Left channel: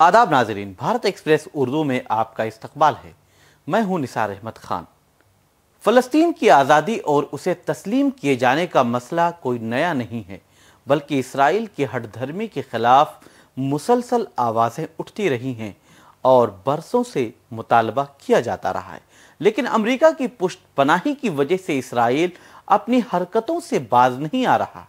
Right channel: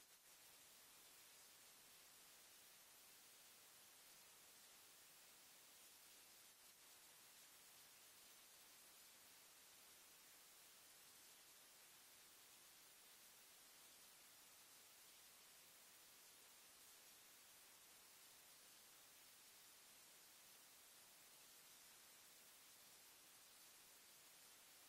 आदाब नाजरीन, भारत एक्सप्रेस उर्दू में आपका इस्तकबाल है। मैं हूं निसार अहमद खान। फ़लस्तीन की आज़ादी और उसे तस्लीम किए जाने का मसला कोई नया नहीं है, बल्कि इसराइल की हठधर्मी के खिलाफ मुसलसल आवाज़ें उठती रही हैं और बरसों से मुतालबा किया जाता रहा है। लेकिन अमेरिका की पुष्टपनाही की वजह से इसराइल अपनी हरकतों से बाज नहीं आ रहा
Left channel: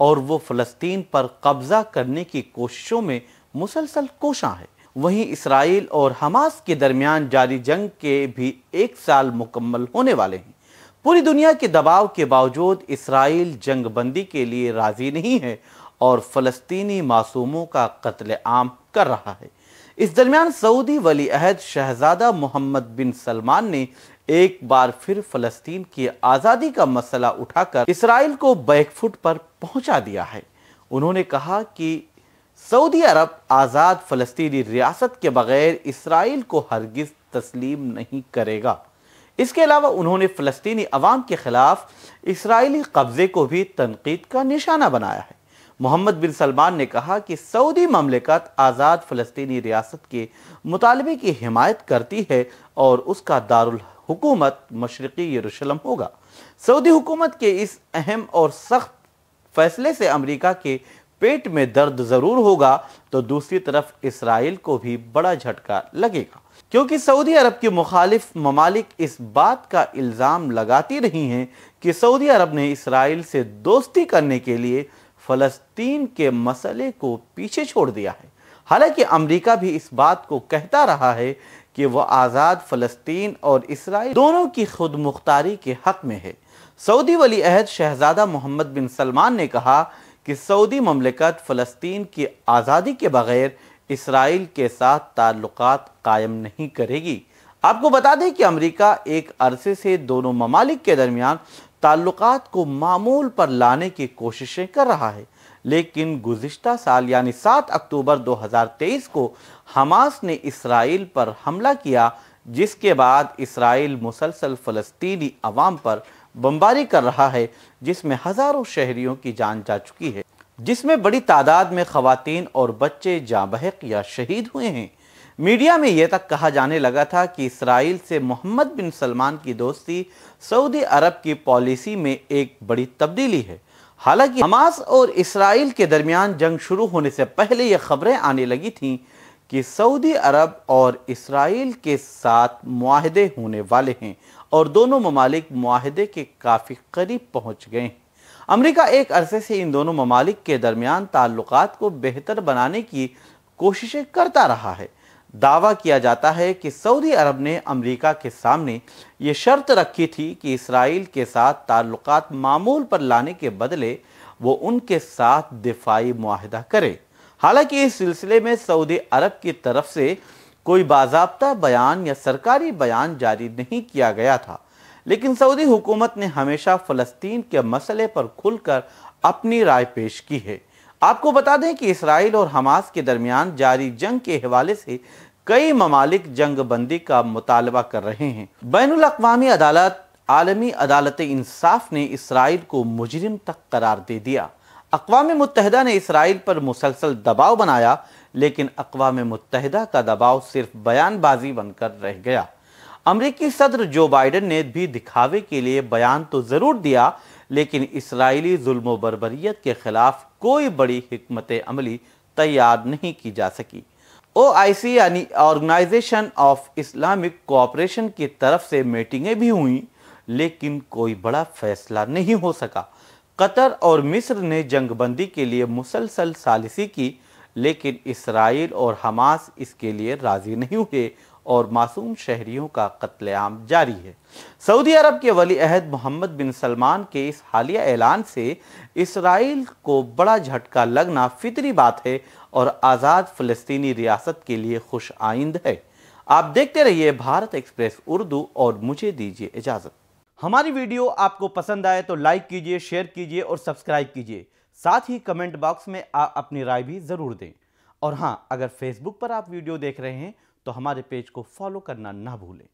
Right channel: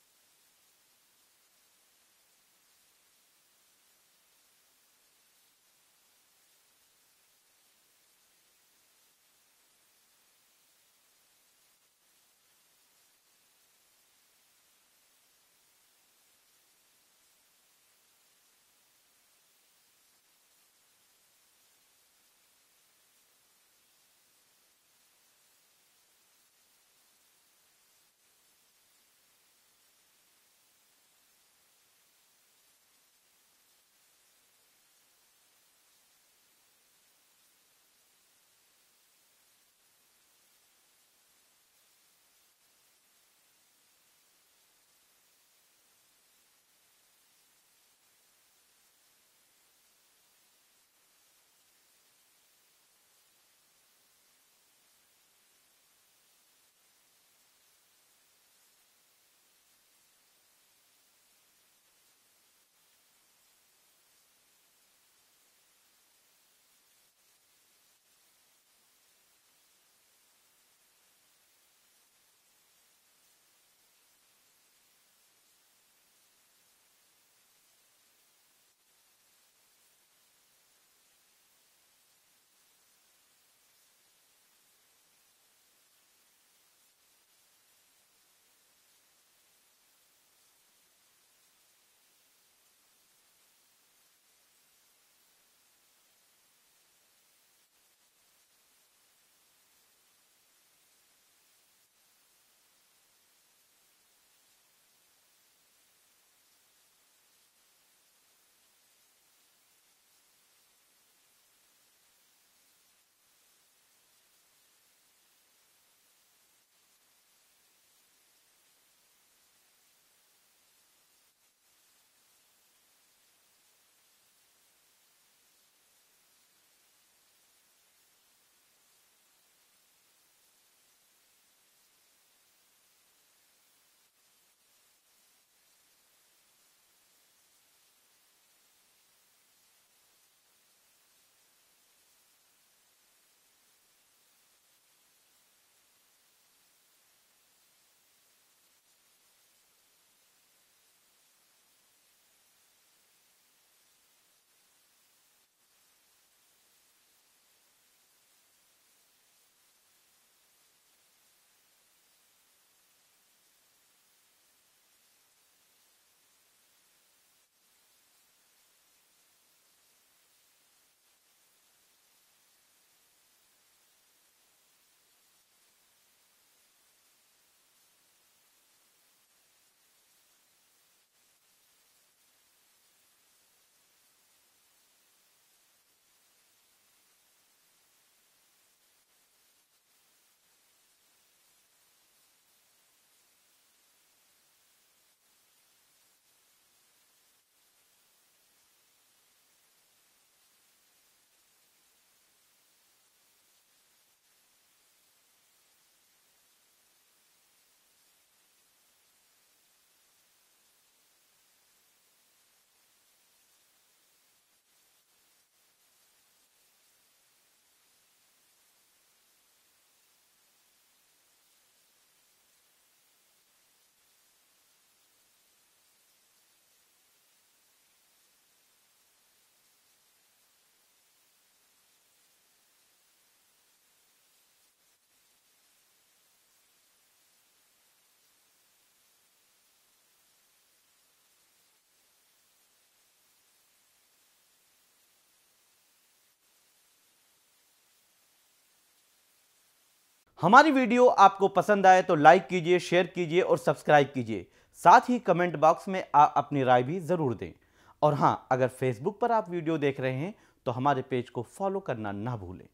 और वो फ़लस्तीन पर कब्ज़ा करने की कोशिशों में मुसलसल कोशां है। वहीं इसराइल और हमास के दरमियान जारी जंग के भी 1 साल मुकम्मल होने वाले हैं। पूरी दुनिया के दबाव के बावजूद इसराइल जंग बंदी के लिए राजी नहीं है और फ़लस्तीनी मासूमों का कत्ल आम कर रहा है। इस दरमियान सऊदी वली अहद शहजादा मोहम्मद बिन सलमान ने एक बार फिर फ़लस्तीन की आज़ादी का मसला उठाकर इसराइल को बैकफुट पर पहुंचा दिया है। उन्होंने कहा कि सऊदी अरब आज़ाद फ़लस्तीनी रियासत के बगैर इसराइल को हरगिज़ तस्लीम नहीं करेगा। इसके अलावा उन्होंने फ़लस्तीनी अवाम के ख़िलाफ़ इसराइली कब्ज़े को भी तनकीद का निशाना बनाया है। मोहम्मद बिन सलमान ने कहा कि सऊदी ममलिकत आज़ाद फ़लस्तीनी रियासत के मुतालबे की हिमायत करती है और उसका दारुल हुकूमत मशरिकी यरूशलेम होगा। सऊदी हुकूमत के इस अहम और सख्त फैसले से अमेरिका के पेट में दर्द ज़रूर होगा, तो दूसरी तरफ इसराइल को भी बड़ा झटका लगेगा, क्योंकि सऊदी अरब के मुखालिफ ममालिक इस बात का इल्ज़ाम लगाती रही हैं कि सऊदी अरब ने इसराइल से दोस्ती करने के लिए फ़लस्तीन के मसले को पीछे छोड़ दिया है। हालांकि अमेरिका भी इस बात को कहता रहा है कि वह आज़ाद फ़लस्तीन और इसराइल दोनों की खुद मुख्तारी के हक़ में है। सऊदी वली अहद शहजादा मोहम्मद बिन सलमान ने कहा कि सऊदी ममलिकत फ़लस्तीन की आज़ादी के बगैर इसराइल के साथ ताल्लुकात कायम नहीं करेगी। आपको बता दें कि अमेरिका एक अरसे से दोनों ममालिक के दरमियान ताल्लुकात को मामूल पर लाने की कोशिशें कर रहा है, लेकिन गुज़िश्ता साल यानी 7 अक्टूबर 2023 को हमास ने इसराइल पर हमला किया, जिसके बाद इसराइल मुसलसल फ़लस्तीनी अवाम पर बमबारी कर रहा है, जिसमें हज़ारों शहरियों की जान जा चुकी है, जिसमें बड़ी तादाद में ख़वातीन और बच्चे जाँ बहक या शहीद हुए हैं। मीडिया में यह तक कहा जाने लगा था कि इसराइल से मोहम्मद बिन सलमान की दोस्ती सऊदी अरब की पॉलिसी में एक बड़ी तब्दीली है। हालांकि हमास और इसराइल के दरमियान जंग शुरू होने से पहले यह खबरें आने लगी थीं कि सऊदी अरब और इसराइल के साथ मुआहदे होने वाले हैं और दोनों ममालिक मुआहदे के काफ़ी करीब पहुंच गए हैं। अमेरिका एक अरसे से इन दोनों ममालिक के दरमियान ताल्लुकात को बेहतर बनाने की कोशिशें करता रहा है। दावा किया जाता है कि सऊदी अरब ने अमेरिका के सामने ये शर्त रखी थी कि इसराइल के साथ ताल्लुकात मामूल पर लाने के बदले वो उनके साथ दिफाई मुआहदा करे। हालांकि इस सिलसिले में सऊदी अरब की तरफ से कोई बाज़ाब्ता बयान या सरकारी बयान जारी नहीं किया गया था, लेकिन सऊदी हुकूमत ने हमेशा फ़लस्तीन के मसले पर खुलकर अपनी राय पेश की है। आपको बता दें कि इसराइल और हमास के दरमियान जारी जंग के हवाले से कई ममालिक जंग बंदी का मुतालबा कर रहे हैं। बैनुल अक़वामी अदालत आलमी अदालत इंसाफ ने इसराइल को मुजरिम तक करार दे दिया। अक़वाम मुत्तहिदा ने इसराइल पर मुसलसल दबाव बनाया, लेकिन अक़वाम मुत्तहिदा का दबाव सिर्फ बयानबाजी बनकर रह गया। अमरीकी सदर जो बाइडन ने भी दिखावे के लिए बयान तो ज़रूर दिया, लेकिन इसराइली जुल्म बर्बरियत के खिलाफ कोई बड़ी हिकमत अमली तैयार नहीं की जा सकी। OIC यानी ऑर्गेनाइजेशन ऑफ इस्लामिक कोऑपरेशन की तरफ से मीटिंगें भी हुई, लेकिन कोई बड़ा फैसला नहीं हो सका। कतर और मिस्र ने जंगबंदी के लिए मुसलसल सालिसी की, लेकिन इसराइल और हमास इसके लिए राजी नहीं हुए और मासूम शहरियों का कत्लेआम जारी है। सऊदी अरब के वली अहद मोहम्मद बिन सलमान के इस हालिया ऐलान से इसराइल को बड़ा झटका लगना फितरी बात है और आज़ाद फ़लस्तीनी रियासत के लिए खुश आइंद है। आप देखते रहिए भारत एक्सप्रेस उर्दू और मुझे दीजिए इजाज़त। हमारी वीडियो आपको पसंद आए तो लाइक कीजिए, शेयर कीजिए और सब्सक्राइब कीजिए। साथ ही कमेंट बॉक्स में आप अपनी राय भी ज़रूर दें। और हाँ, अगर फेसबुक पर आप वीडियो देख रहे हैं तो हमारे पेज को फॉलो करना ना भूलें।